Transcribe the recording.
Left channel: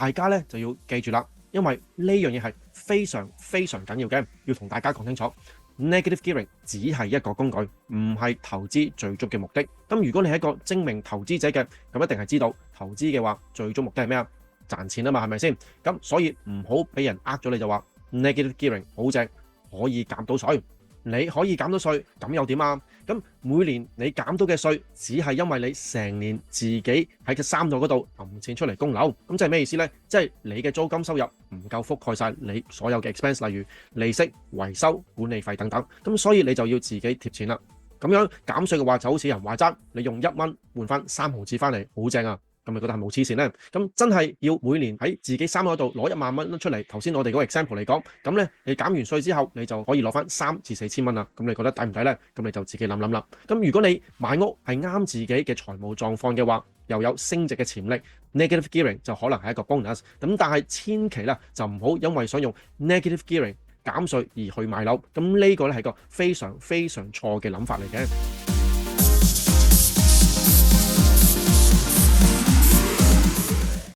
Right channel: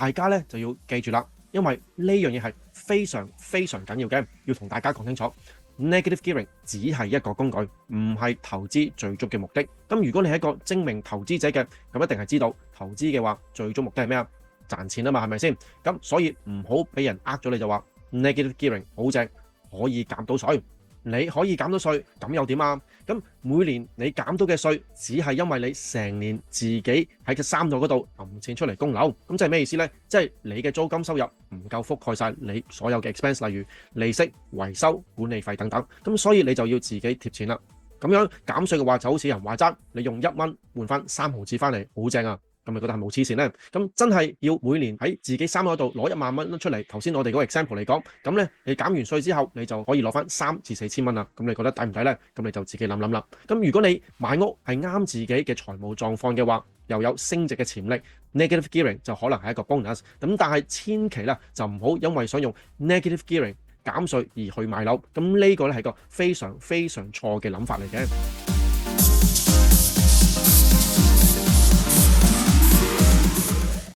大家咧就要記住啦，因為呢樣嘢係非常非常緊要嘅，要同大家講清楚。Negative gearing 只係一個工具，唔係投資最終嘅目的。咁如果你係一個精明投資者嘅，咁一定係知道投資嘅話，最終目的係咩啊？賺錢啊嘛，係咪先？咁所以唔好俾人呃咗你就話 negative gearing 好正，可以減到稅。你可以減到稅，咁又點啊？咁每年你減到嘅稅，只係因為你成年自己喺個三度嗰度揞錢出嚟供樓，咁即係咩意思呢？即係你嘅租金收入唔夠覆蓋晒你所有嘅 expense， 例如利息、維修、管理費等等，咁所以你就要自己貼錢啦。咁樣減稅嘅話就好似人話齋，你用1蚊換翻3毫紙翻嚟，好正啊！咁你覺得係冇黐線咧？咁真係要每年喺自己衫嗰度攞1萬蚊出嚟。頭先我哋嗰個 example 嚟講，咁咧你減完稅之後，你就可以攞翻3至4千蚊啦。咁你覺得抵唔抵咧？咁你就自己諗諗啦。咁如果你買屋係啱自己嘅財務狀況嘅話，又有升值嘅潛力 ，negative gearing 就可能係一個 bonus。咁但係千祈啦，就唔好因為想用 negative gearing 減稅而去買樓。咁呢個咧係個非常非常錯嘅諗法嚟嘅。